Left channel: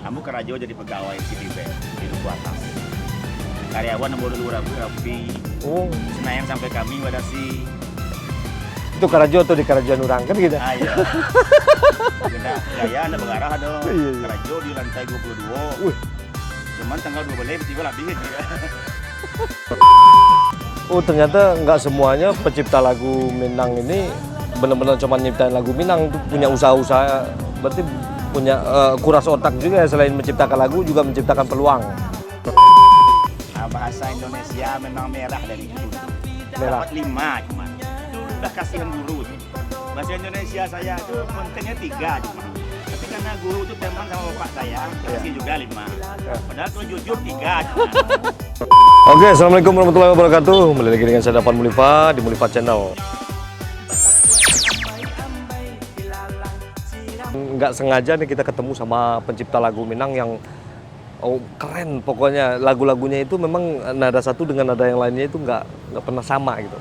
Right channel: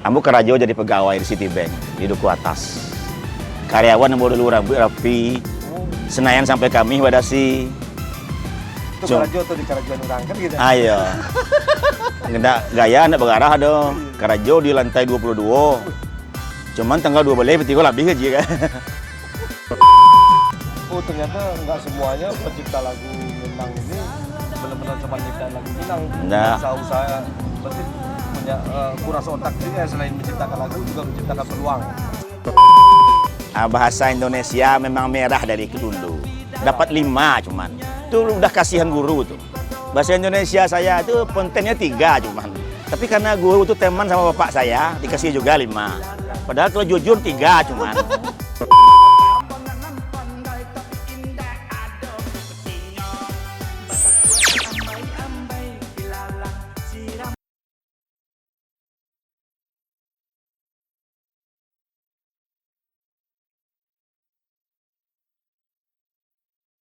Ambo Karajo jadi pegawai di Citibank di Duku Atas. Karyawan yang dulu rapi. Oh, Senayan sampai kami wadasi. itu Karajo tuh di Karajuan orang kan gitu. Ayo. Nggak gaya nggak berarah dong. Karajo di lantai 22. Cuman tanggal 12 betul lebih aja kan. Oh, ternyata nggak semuanya pencipta lagu Minang ini benar-benar cuma nyiptain lagu Minang, punya Nah. usaha-usaha, berarti punya kuras otak juga, selain menciptakan lagu juga menciptakan peluang. Bahasa Indonesia memang merah dari dulu. Dapat 5 cuman. Itu udah kasihan guru tuh. Bahasa Indonesia saya itu kontennya 3 cuman. Tapi karena guru itu teman sama bapak saya, dikasih juga 5. Padahal kalau jujur 3 cuman. Oke, assalamualaikum warahmatullahi wabarakatuh. Kembali lagi dengan saya Dapan Mulifa di Mulifa Channel. Nggak sengaja nih kita ketemu sama pencipta lagu Minang yang keren pokoknya. Lagu-lagunya itu memang nada satu dengan nada yang lainnya itu nggak pernah sama gitu.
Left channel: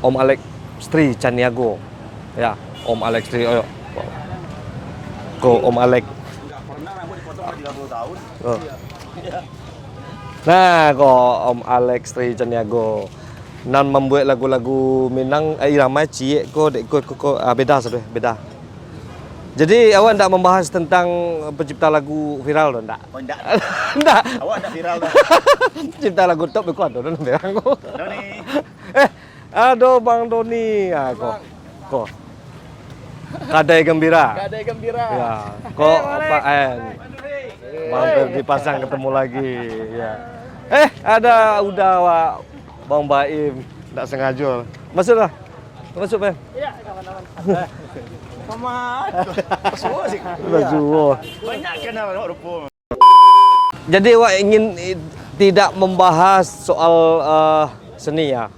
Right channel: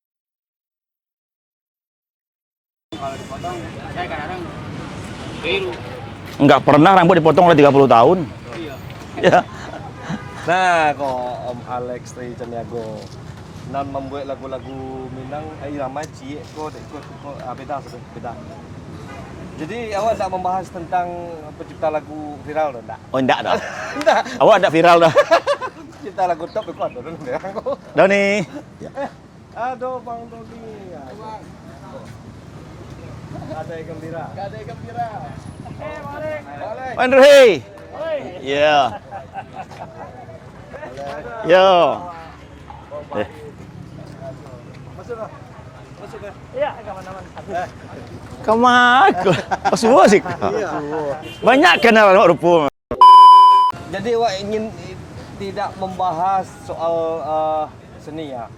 Om Alex Stri Caniago. Ya, Om Alex Stri. Ayo. Kok Om Alex. Nggak pernah rambut dipotong oleh 30 tahun. Oh. Ya. Nah, kok Om Alex Stri Caniago. Nan membuat lagu-lagu Minang irama cie kok beda sabe, beda. Jadi awak enggak membahas tentang pencipta lagu viral enggak? Oh enggak dah. Enggak. Awak ada viral dah. Pencipta lagu top itu ada dan bilang kok. Doni. Aduh Bang Doni. Ya kok. Kadai gembira. Kadai gembira. Ya. Kok Pak En. Andre. Mampir di pasar Yeah. ketemu lagi. Ya. Ada Yo. udah Wak. Bang Baim. Enggak sengaja. Masuklah. Masuk, Pak. Iya, kawan-kawan. Kamat. Semua sih. Banyak kenal rupa. Jadi Wak ingin tidak membahas soal seni ya.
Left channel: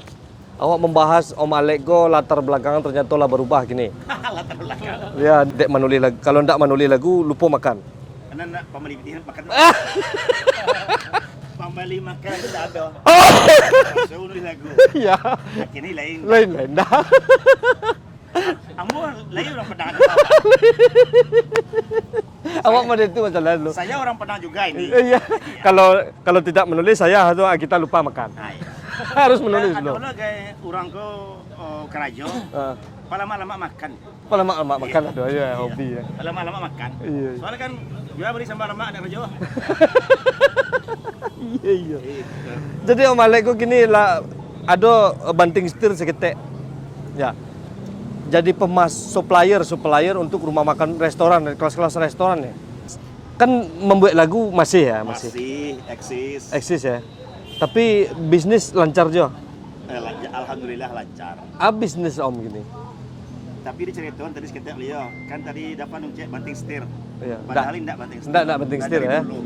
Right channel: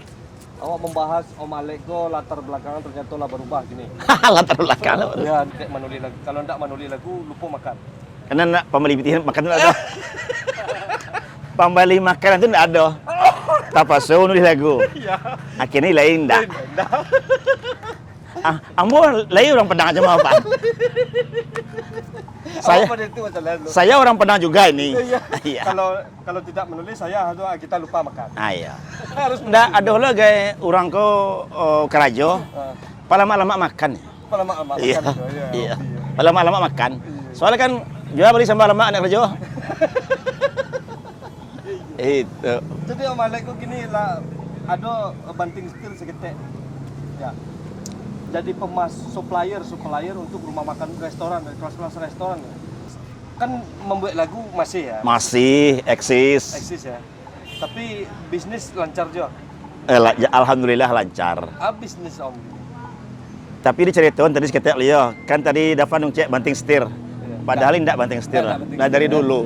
Awak membahas Om Alego latar belakangan ternyata lah berubah gini. Latar belakang. Ya, dek menulis lagu. Kalau ndak menulis lagu lupa makan. Karena nak pembeli makan enggak ada. Pembeli makanan itu enggak ada. Apa so nulis lagu. Iya. Akhirnya lain enggak. Beda. Ambo lain orang Padang aja mau apa? Awak pada itu masalah lu. Saya orang Padang juga ini. Iya. Iya. Kalau tidak menulis saya atau kita lupa makan. Ah, iya. Harus menulis. Nah, ada lah gaya orang ko Karajo. Lama-lama makan. Lama-lama Iya. makan itu ya. Iya. Hobi ya. Lama-lama makan. Iya. Soalnya kan jual beli sambal lemak anak Karajo. Iya. Itu. Jadi Om Alego gini lah, ada banting setir seketek. Ya. Jadi supplier untuk rumah makan restoran, kelas-kelas restoran ya. Kan membuat lagu masih ya? Masih eksis. Eksis ya. Tapi bisnis lancar juga. Alhamdulillah lancar. Bisnis Om gini. Tapi diceritain tadi seketek Leo, kan tadi dapat cek banting setir. Iya. Padahal tidak banting setir. Nggak banting Nah, setir dari ya. dulu.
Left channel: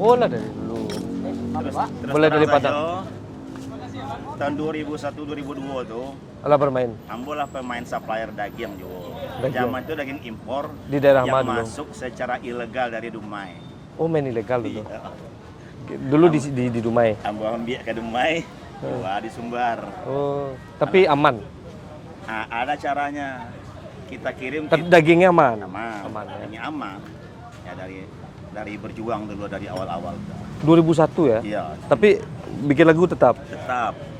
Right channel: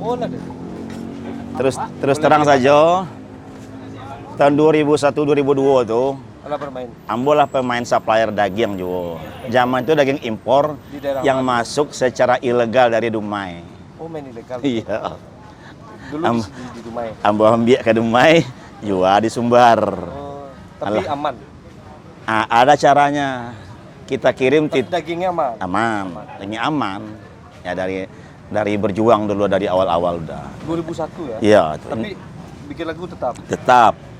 Oh lah deh. Terus Mulai terang dari saja. Tahun 2001 2002 tuh Alah bermain. Ambo lah pemain supplier daging juga. Zaman itu daging impor Di daerah yang mana? masuk secara ilegal dari Dumai. Oh main ilegal. Iya. Dulu di Dumai. Ambo ambil ke Dumai, jual di Sumbar. Oh, tapi aman. Ada caranya. Kita kirim Tapi dagingnya aman. aman. Ini aman. Ya dari berjuang dulu dari awal-awal udah. 2001 ya. Iya. Tapi bikin lagu tetap. Tetap.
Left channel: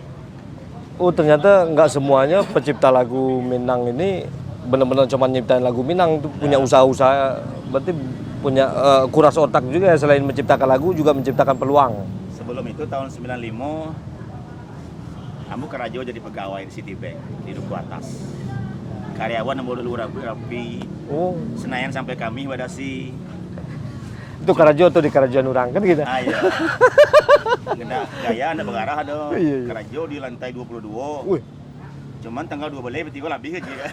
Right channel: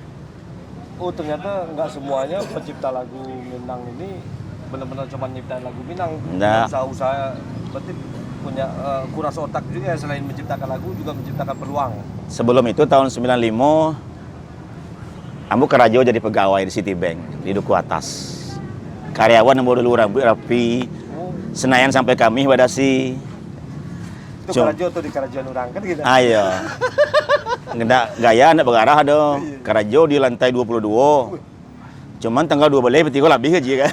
Oh ternyata nggak semuanya pencipta lagu Minang ini benar-benar cuma nyiptain lagu Minang, punya Nah. usaha-usaha, berarti punya kuras otak juga, selain menciptakan lagu juga menciptakan peluang. Sebelum itu tahun 95 Ambo Karajo jadi pegawai di Citibank di Duku Atas. Karyawan yang dulu rapi. Oh, Senayan sampai kami wadasi. itu Karajo tuh di Karajuan orang kan gitu. Ayo. Nggak gaya nggak berarah dong. Iya. Karajo di lantai 22. Cuman tanggal 12 betul lebih aja kan.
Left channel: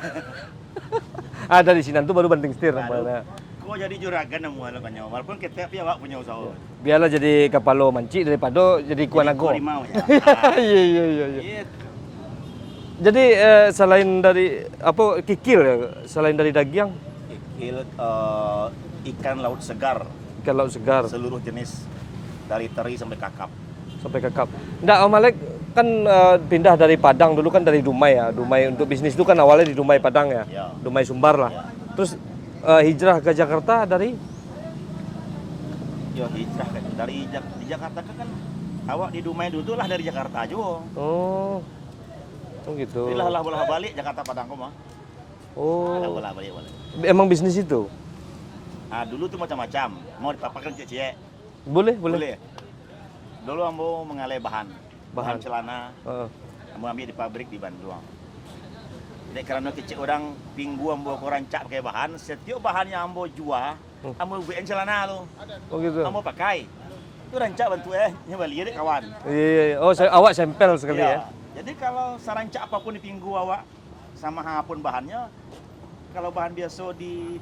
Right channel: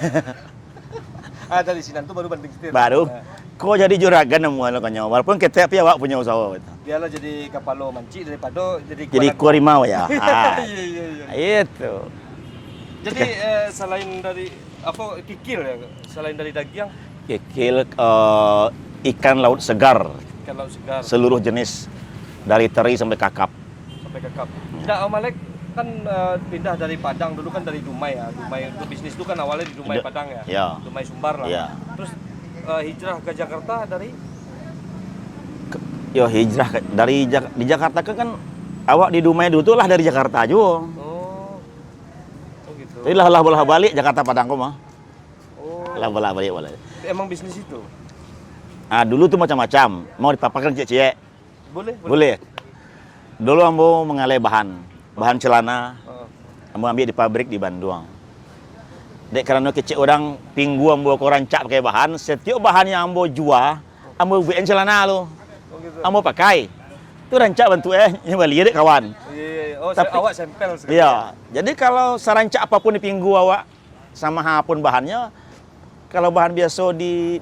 Dari sini tuh baru banting setir. Baru Nah, kok jadi juragan namun konyol. Walaupun kita tapi awak punya usaha. biarlah jadi kapalo manci daripada jadi Jadi kuanago. kuarimau ya. Iya. Itu. Jadi selain dari apa kikil ya, selain dari daging, Kikil ikan laut segar. ikan laut segar Seluruh jenis dari teri sampai kakap. sampai kakap. Nggak, Om Alek kan pindah dari Padang dulu kan dari Dumai ya. Dumai untuk bisnis itu kan awalnya di Dumai Iya. Padang ya. Iya. Dumai Sumbar lah. Iya. Terus hijrah ke Jakarta dari Yo hijrah di Jakarta kan awak di Dumai dulu tuh lah dari Jakarta juga. Oh gitu. Jadi lah bola balik Jakarta Padang kok mah. Oh. Lah bola balik boleh. Emang bisnis itu? Ah dulu tuh macam-macam. Mau dipaparkan cek-cek. Boleh. Boleh. Dulu ambo mengalih bahan celana. Ah. Ambo ambil di pabrik di Bandung. Dek karena kecek orang pinggu ambo ko rancak pakai bahan, setiap bahan yang ambo jual, ambo buat celana lo. Oh gitu. Ambo pakai. Itu rancak bantu yang balik dek kawan. Iya. Oh, Tapi- awak sampel sekali. Iya. Jadi kalau sarancak apapun di pinggu awak sama apapun bahannya, kalau bahan biasa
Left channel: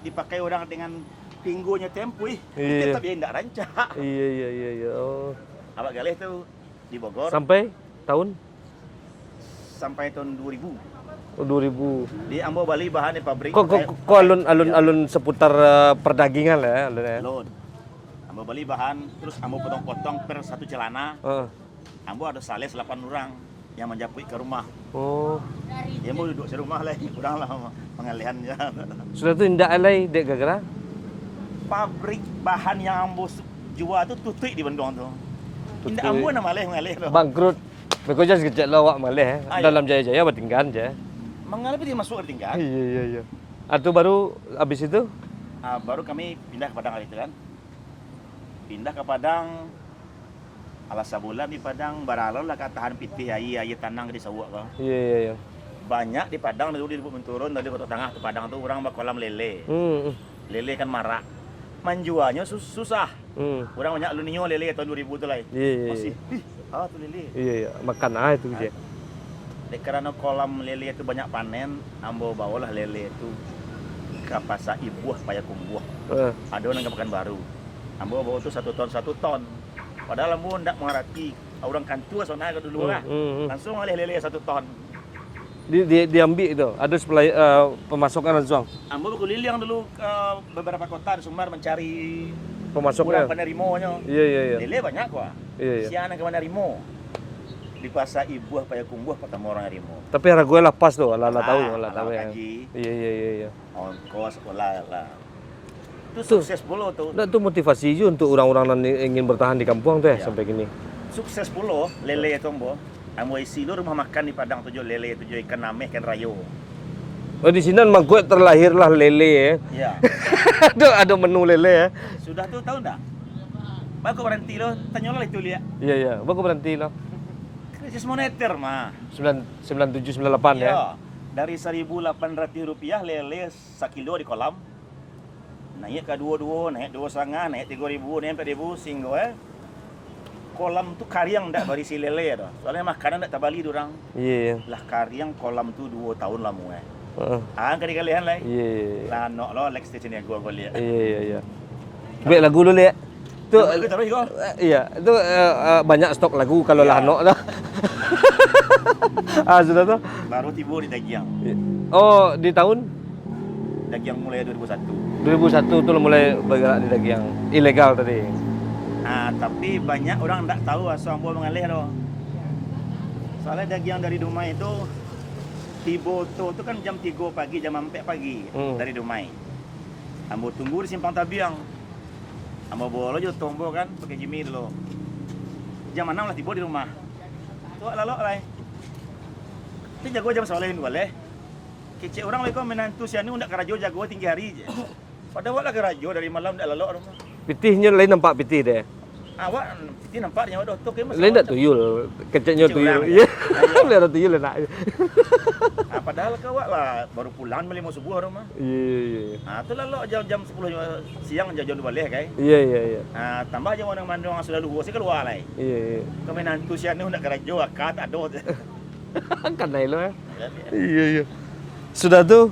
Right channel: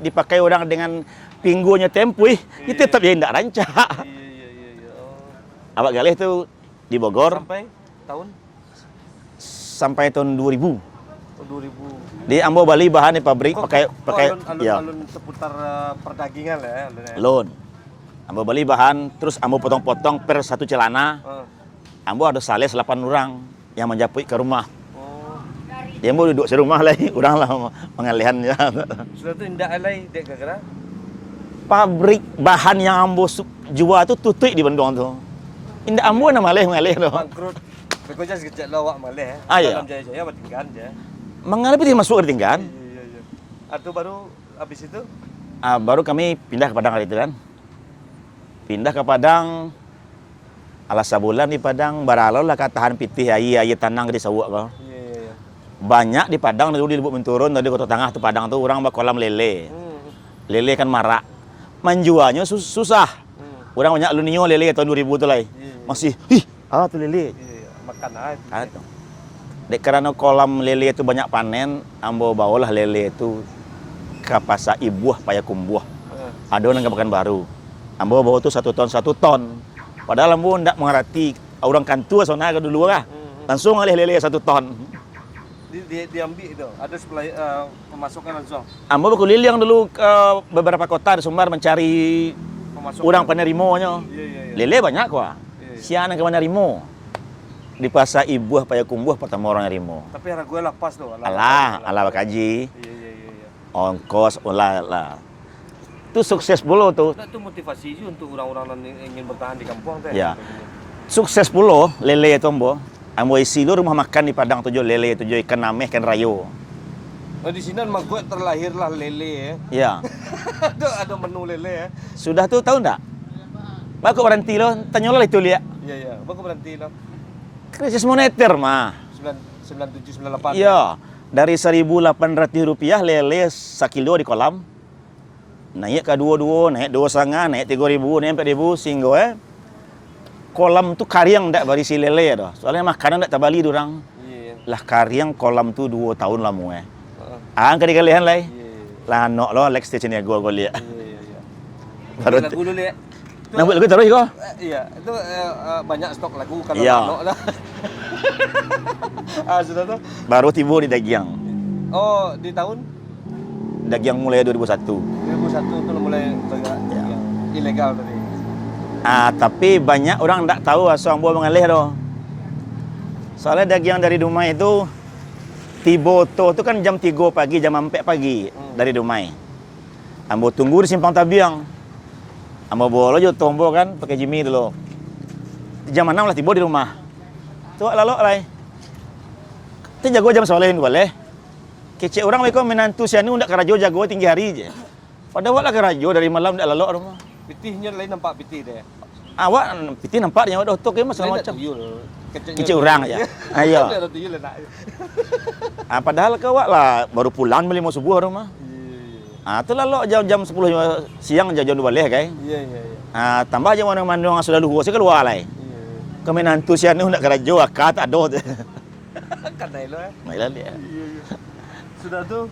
dipakai orang dengan pinggunya tempui, Iya. itu tetap jadi tidak rancak. Iya. Oh. Awak galih tuh di Bogor Sampai tahun sampai tahun 2000. 2000. Di Ambo Bali bahan di pabrik Kok pakai iya, alun seputar perdagingan lah ya. alun ya? alun. Ambo Bali bahan terus ambo potong-potong per satu celana. Ah. Ambo ada sales 8 orang yang menjapui ke rumah. Oh. Dia mau duduk serumah lah, orang lah pengalihan ya. Sudah tu indak alai dek gara-gara. Pabrik bahan yang ambo jual tu tutup di Bandung tu. Indah ambo na malih tu. Bangkrut. Beko jas kecek lawak malih. Ah, ya. Dalam jaya-jaya bertinggan je. Mengalami dia masuk ke tingkat. Iya. Atau baru habis itu? Baru kami pindah ke Padang kali itu kan. Pindah ke Padang. Alas sebulan di Padang baralo lah katahan pitih ayi tanang di sawak kau. Iya. Banyak di Padang dulu di Lubuk Menturun dari Kota Tengah tu Padang tu orang kolam lele. Lele kan marak. Menjualnya susah. Orang banyak lunio lele tahun 2000 tu lah. Iya. Masih tu lele. Iya. Makan itu dia. Dek karena kolam lele itu banyak panen, ambo bawalah lele itu ke pasar Ibuah Payakumbuh. Ada orang makan baru. Ambo bawa tu 1 ton. Padahal ambo ndak mengerti orang kantua sana ke dulu lah. Langsung alih lele 1 ton. Diambil itu. Ada supply pemasukan langsung. Ambo berkeliling dulu ke beberapa kota di Sumbar mencari Pemasukan. orang penerimanya. Iya. Lele banyak kok. Iya. Siana ke penerimo. Di pasar Ibuah Payakumbuh pertama orang nerimo. Tapi harga gue lepas tuh. Ala kaji. Iya. Ongkos lah. Itu sukses puluh tuh. Nah, itu motivasi juga untuk orang-orang yang ingin bertahan di kampung tuh Ya. sampai gini. Sukses puluh lele itu ambo. Ambo isi lu rumah makan di Padang tujuh lele tujuh ikan nameh ikan rayo. Oh, di sini mak gue terlahirlah lele ya. Ya. ada menu lele ya. Sudah tuh tahu enggak? Bagus berhenti lo, tanya lo itu lihat. Iya. Bagus berhenti lah. Krisis moneter mah. 97 98 ya. Iya. Dari Rp1.800 lele sekilo di kolam. Naik ke 22, naik 2,5, naik 3.000, naik 4.000 sehingga kolam tu karyang ndak berisi lele dah. Soalnya makanan ndak terbali dorang. Iya. Lah karyang kolam tu 2 tahun lah mu Heeh. Angkat kalian lah. Iya. Lah nok lo Lex station ya gua lihat. Iya. Tapi lagu dulu ya. Itu, Lagu terus kok. iya, itu banyak stok lagu kalau Iya. Lano dah. Sudah tuh. Baru tiba di Dagiang. Oh, di tahun Dagiang mulai 2001. 2001 tuh lo mulai bergerak di daging yang ilegal tadi. Tapi banyak orang tak tahu asal ambo mengalih doh. Soalnya Dagiang dari Dumai itu tiba tu kan jam 3 pagi, jam 4 pagi dari Dumai. Ambo tunggu di Simpang Tabiang. Ambo bawa jo tombo kan pakai Jimmy dulu. Jam 6 lah tiba di rumah. Tu lalu lah. Tu jago jam soalin boleh. Kecek orang mereka menantu sianu ndak kerajo jago tinggi hari je. Padahal lah kerajo dari malam ndak lalu rumah. Pitihnya lain nampak pitih deh. Awak piti nampaknya waduh tu ke Lain masalah tak tuyul. Keceknya Kecek orang ya. Ayo. Lain ada tuyul enak. Padahal kau lah baru pulang beli mau subuh rumah. Iya. Tu lalu jam 10 siang jam 2 balik kai. Iya. Tambah aja mana-mana yang sudah luhur saya keluar lah. Iya. Kami nantu sianu ndak kerajo akak tak ada. Kan naik lo ya. Mailah dia. Iya. Sudah tuh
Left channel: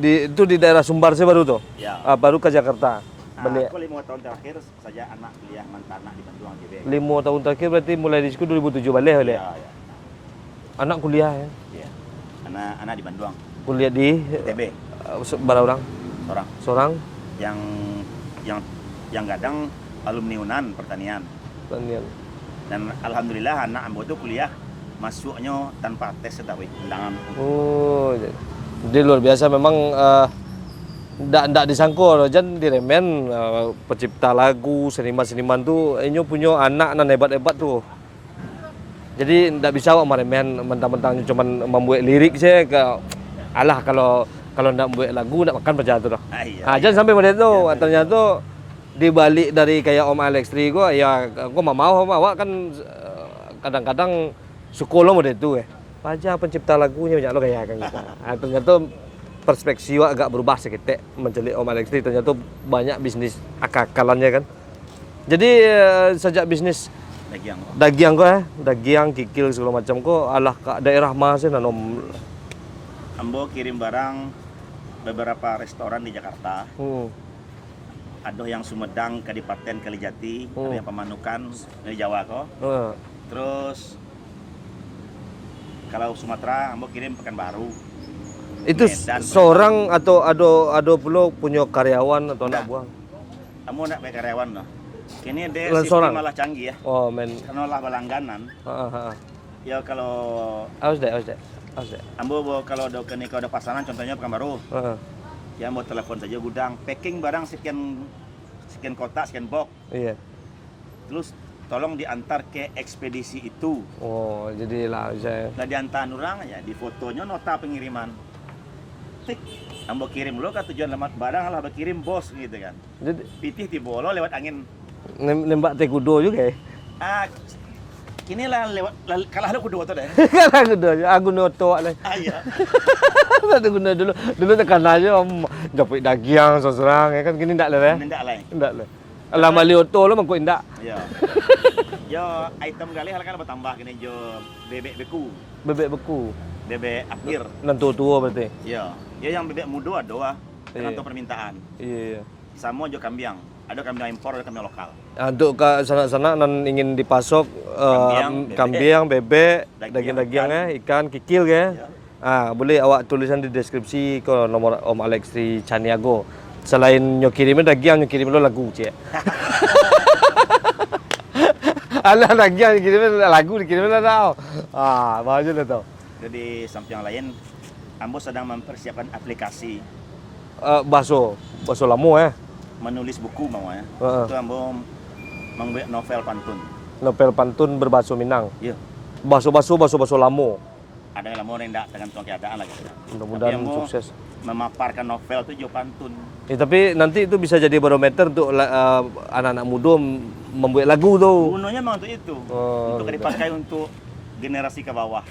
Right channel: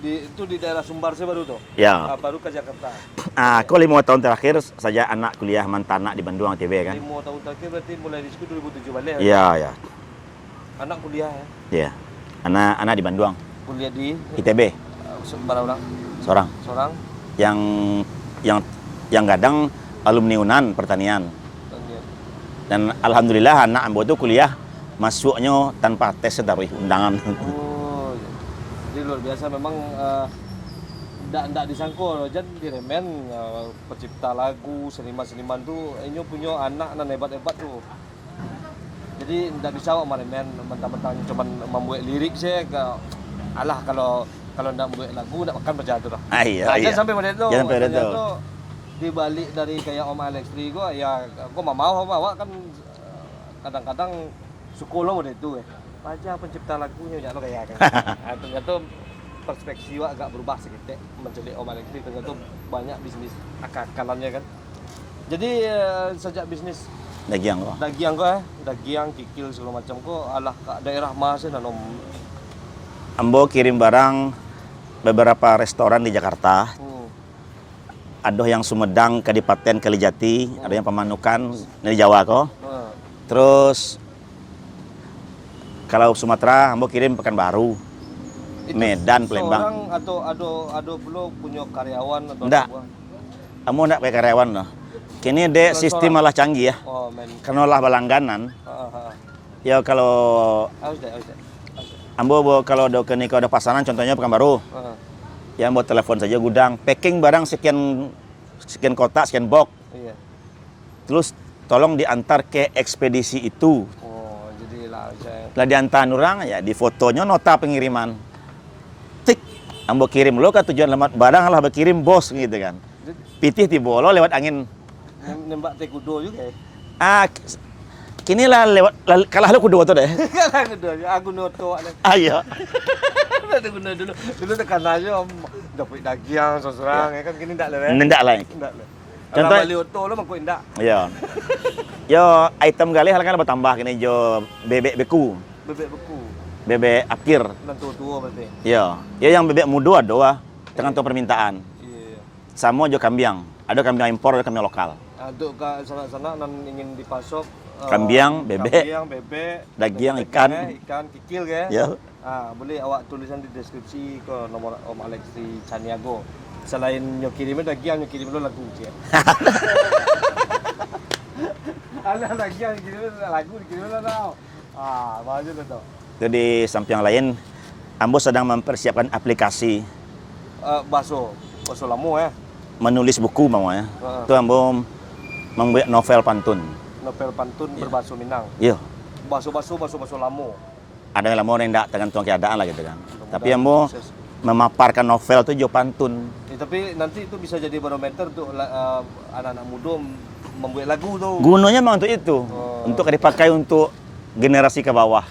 itu di daerah Sumbar sih baru tuh. Ya. Baru ke Jakarta. Aku 5 tahun terakhir saja anak kuliah mantan anak di Bandung TV kan. 5 tahun terakhir berarti mulai di situ 2007 balik. Iya. Anak kuliah ya. Iya. Anak di Bandung. Kuliah di ITB. berapa orang? Seorang. Yang kadang alumni UNAN pertanian. Dan alhamdulillah anak ambo itu kuliah masuknya tanpa tes tapi undangan. Oh, jadi luar biasa memang ndak disangko jan diremen pencipta lagu, seniman-seniman tuh inyo punya anak nan hebat-hebat tuh. Jadi ndak bisa awak maremen mentang-mentang cuman membuat lirik sih ke alah kalau ndak membuat lagu ndak makan percaya tuh dah. Iya. Jangan sampai pada itu. Jangan pada Ternyata itu. tuh dibalik dari kayak Om Alex Tri gua ya gua mau sama awak kan kadang-kadang sekolah model itu Aja pencipta lagunya banyak lo kayak kan. Ternyata perspektif agak berubah sedikit mencelik Om Alex Tri, ternyata banyak bisnis akal-akalannya kan. Jadi sejak bisnis Dagiang kok. dagiang kikil segala macam kok alah ke daerah masih nan Om. Ambo kirim barang beberapa restoran di Jakarta. Ada yang Sumedang, Kadipaten Kalijati, ada yang Pamanukan dari Jawa kok. Terus kalau Sumatera, Ambo kirim Pekanbaru. Itu Medan, seorang atau ada pula punya karyawan atau Ndak. anak buah? Ambo nak pakai karyawan loh. Kini dek Bulan sistem seorang? malah canggih ya. Oh men. Karena lah balangganan. Heeh. Ya kalau Awas deh. Ambo kalau ada kini kalau ada pasaran contohnya Pekanbaru. Heeh. Ya Ambo telepon saja gudang, packing barang sekian kotak, sekian box. Iya. Terus tolong diantar ke ekspedisi itu. Oh, jadi lah saya. Lah diantar orang ya di fotonya nota pengiriman. Tik, Ambo kirim lo ke tujuan alamat barang lah berkirim bos gitu kan. Jadi Pitih tibolo lewat angin. nembak teh kudo juga Kini lah lewat kalah lo kudu tuh deh. Kan kudo, aku noto lah. Iya. Ada guna dulu tekan aja Om dapat dagiang seorang ya kan gini ndak lah ya. Nendak lah. Ndak lah. Contoh- Lah bali oto lo mangko ndak. Iya. Yo item gali hal kan bertambah kini jo bebek beku, Bebek beku. bebek apir. Nan tua berarti. Iya. Ya yang bebek muda ada dengan tuh permintaan. Iya. Sama jo kambiang. Ada kambiang impor, ada kambiang lokal. Untuk ke sana-sana nan ingin dipasok Kambiang, bebek, dagiang, ikan kikil ya. Ya. Boleh awak tulisan di deskripsi ke nomor Om Alex di Caniago. Selain nyokirimin dagiang, nyokirim lo lagu cie. Alah dagiang kirimin lagu dikirimin lah tau. Bagus lah tau. Jadi samping yang lain, Ambo sedang mempersiapkan aplikasi Baso lamo ya. menulis buku mau ya. Heeh. Itu Ambo membuat novel pantun. Novel pantun berbahasa Minang. Iya. Baso lamo. Ada yang lama orang tidak tergantung keadaan lah gitu kan. Mudah-mudahan Tapi Ambo sukses. memaparkan novel itu jo pantun. Tapi nanti itu bisa jadi barometer untuk anak-anak muda membuat lagu tuh. Gunanya memang untuk itu. Oh. Untuk dipakai untuk generasi ke bawah.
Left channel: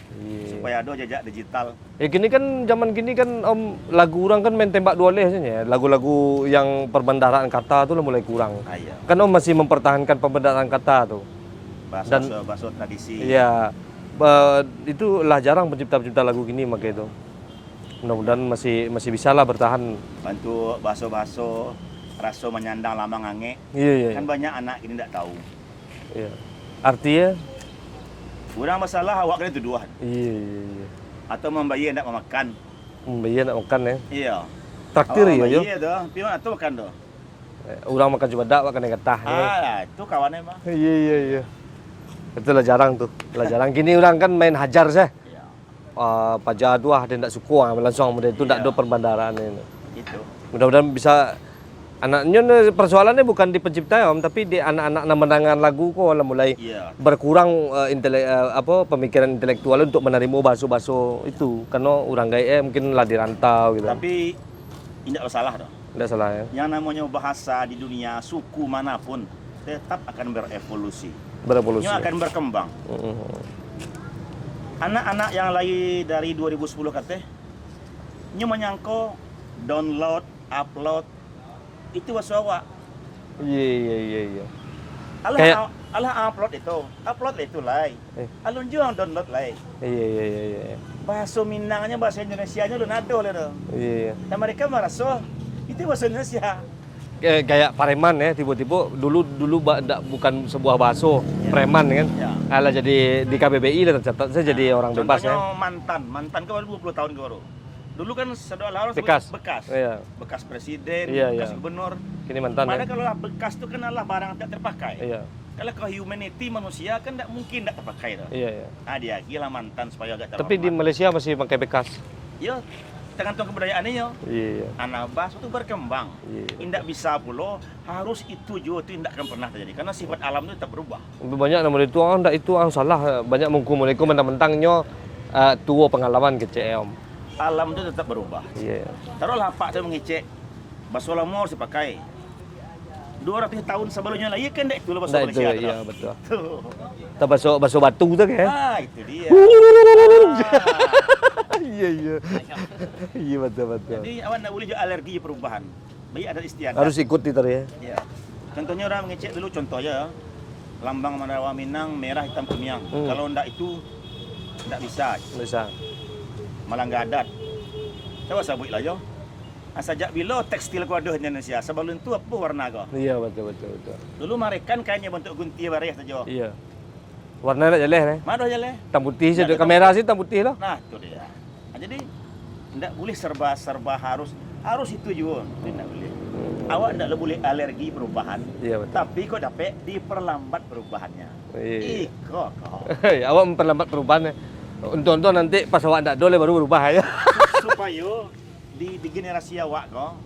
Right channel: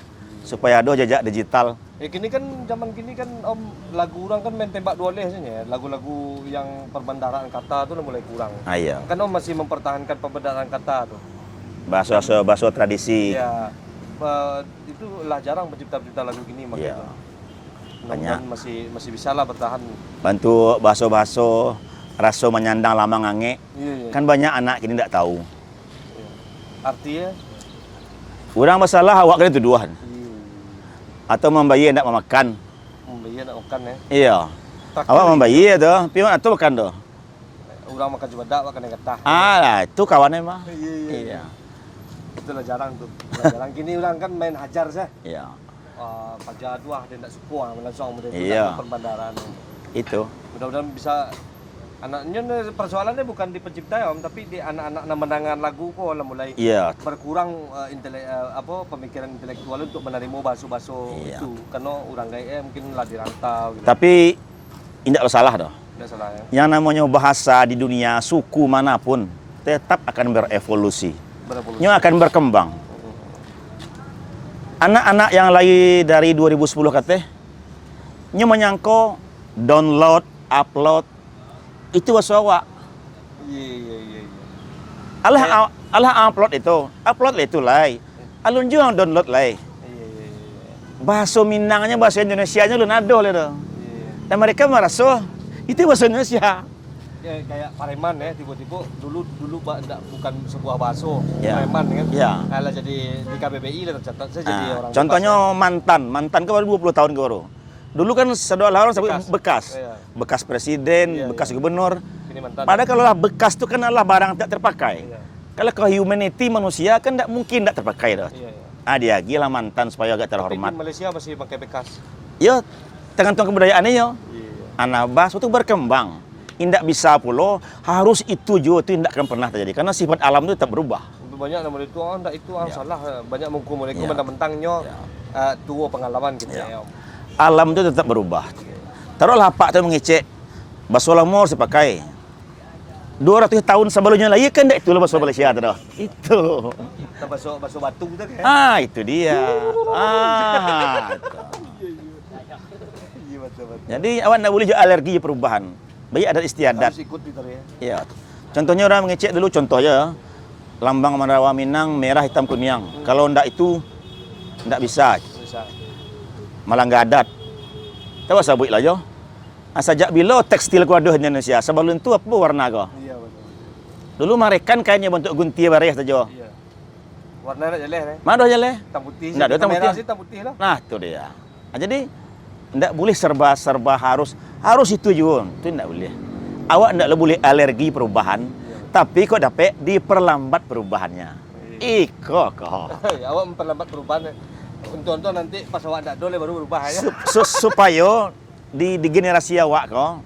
Supaya ada jejak digital. Ya gini kan zaman gini kan Om lagu orang kan main tembak dua leh saja. Lagu-lagu yang perbendaharaan kata tuh lah mulai kurang. Iya. Kan Om masih mempertahankan perbendaharaan kata tuh. Bahasa tradisi. Iya. Itulah jarang pencipta-pencipta lagu gini makanya Iya. itu. Mudah-mudahan masih bisa lah bertahan. Bantu baso-baso, raso menyandang lama ngange. Iya. Kan banyak anak kini tidak tahu. Iya. Artinya Kurang masalah awak kena tuduhan. iya. Atau membayi tidak memakan. Iya nak makan ya. Iya. Traktir Awak gitu. membayi tu, pion atau makan tu. Orang makan cuma dak makan yang getah. Lah, itu kawannya mah. Iya. Itulah jarang tuh. Jarang gini orang kan main hajar sih. Iya. Pajak dua ada tidak suka langsung mudah itu Iya. tidak ada perbandaran ini. Itu. Mudah-mudahan bisa anaknya persoalannya bukan di pencipta ya Om, tapi di anak-anak menangan lagu kok lah mulai Iya. berkurang pemikiran intelektual untuk menerima baso-baso Iya. itu karena orang gaya mungkin lah di rantau gitu. Tapi tidak salah dah. Tidak salah ya. Yang namanya bahasa di dunia suku manapun tetap akan berevolusi. Berevolusi. Nya akan berkembang. Anak-anak yang lahir dari 2010 katanya, nya menyangko download, upload itu bahasa awak. Iya. Alah Kayak- alah upload itu lai. Alun juang download lai. Iya. Bahasa Minangnya bahasa Indonesianya lu nado le do. Iya. Dan mereka merasa itu bahasa Indonesia. Kayak Pareman ya tiba-tiba dulu bukan sebuah bakso Ya. Preman kan. Ya. Alah jadi di KBBI lah tercatat saya jadi orang Contohnya Bekas, mantan ke baru 20 tahun ke baru. Dulu kan seolah-olah orang sebut Bekas. bekas. Iya. Bekas presiden, Iya, bekas iya. gubernur. ya. Ini mantan. Padahal kalau lah bekas itu kan adalah barang tidak terpakai. Iya. Kalau ke humanity manusia kan tidak mungkin tidak terpakai dah. Iya. Dia gila mantan supaya agak Tapi di terhormat. Malaysia masih pakai bekas. Ya, Tergantung kebudayaannya yo. Iya. Anabas itu berkembang. Iya. Indak bisa pula harus itu juga itu tidak akan pernah terjadi karena sifat alam itu tetap berubah. Banyak nama itu ndak itu salah, banyak mengkomunikasi mentang-mentangnya tua pengalaman kecil. Alam itu tetap berubah. Iya. Taruhlah Pak tu mengecek baso lamor saya pakai. 200 tahun sebelumnya lah, iya kan itu lah baso Nah, Malaysia itu, tu. iya, betul. Itu. Kita baso batu tu kan. Itu dia. Iya iya. Iya betul. Jadi awak nak boleh juga alergi perubahan. Baik adat istiadat. Harus ikut itu ya. Ya. Contohnya orang mengecek dulu contohnya lambang Mandarawa Minang merah hitam kuning. Kalau ndak itu ndak bisa. Bisa. Malah nggak adat. Tahu sabuk lah yo. Sejak bila tekstil ku ada di Indonesia, sebelum itu apa warna kau? Iya betul. Dulu merekan kainnya bentuk gunting bareh saja. Iya. Warna nak jelek Mana aja leh? hitam putih Nggak saja. ada hitam Kamera putih. sih hitam putih lah. Nah, itu dia. Jadi ndak boleh serba harus itu juga. Itu ndak boleh. Awak ndak boleh alergi perubahan. Iya, betul. Tapi kok dapat diperlambat perubahannya. Iya. Kok. Awak memperlambat perubahannya. Untuk nanti pas awak ndak dole baru berubah ya. Supaya di generasi awak kok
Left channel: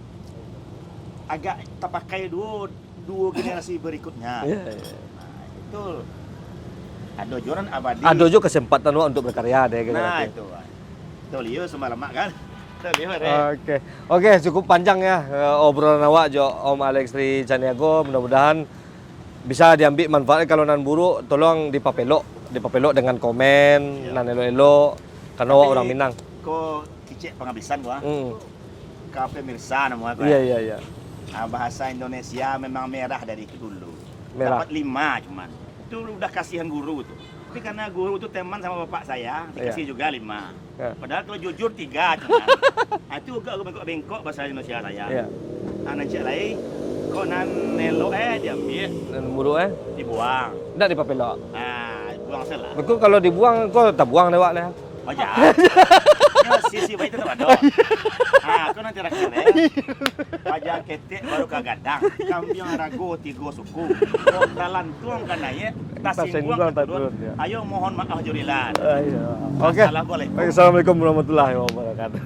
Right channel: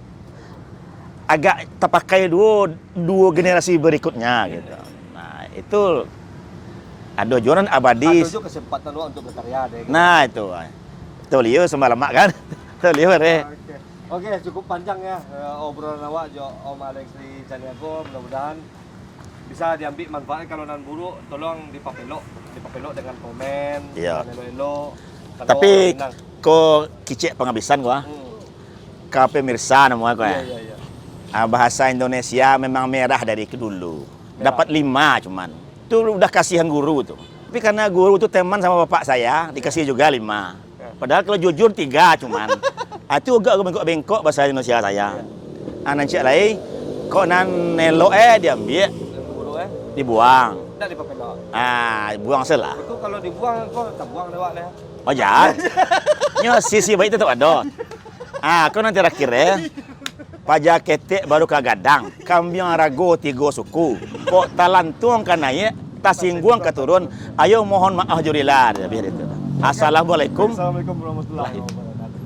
agak terpakai dua generasi berikutnya gitu. Nah, itu ada joran abadi. Ada juga kesempatan awak untuk berkarya deh. Nah, itu. Tuh liu semalam kan. Tuh liu Oke, cukup panjang ya obrolan awak jo Om Alex Tri Caniago. Mudah-mudahan bisa diambil manfaatnya. Kalau nan buruk tolong dipapelok dengan komen, Iya. nan elo-elo karena awak orang Tapi Minang. kok kicik penghabisan gua. Ke pemirsa nama gua. Iya. Bahasa Indonesia memang merah dari dulu. Merah. Dapat 5 cuman. Itu udah kasihan guru tuh. Tapi karena guru tuh teman sama bapak saya, dikasih juga 5. Ya. Padahal kalau jujur 3 cuman. Itu agak bengkok-bengkok bahasa Indonesia saya. Iya. Anak lain, kok nan nelo diambil, Dan buruk dibuang. ndak dipapelok. Buang selah. Itu kalau dibuang kau tak buang lewat lah. Oh jahat. Nyo sisi baik tetap ada. Kau nanti terakhir ya. Pajak ketek baru kagadang. Kambing rago 3 suku. Kok talantuang kanaya, tasingguang keturun. Ayo mohon maaf jurilah. Assalamualaikum. Assalamualaikum warahmatullahi wabarakatuh.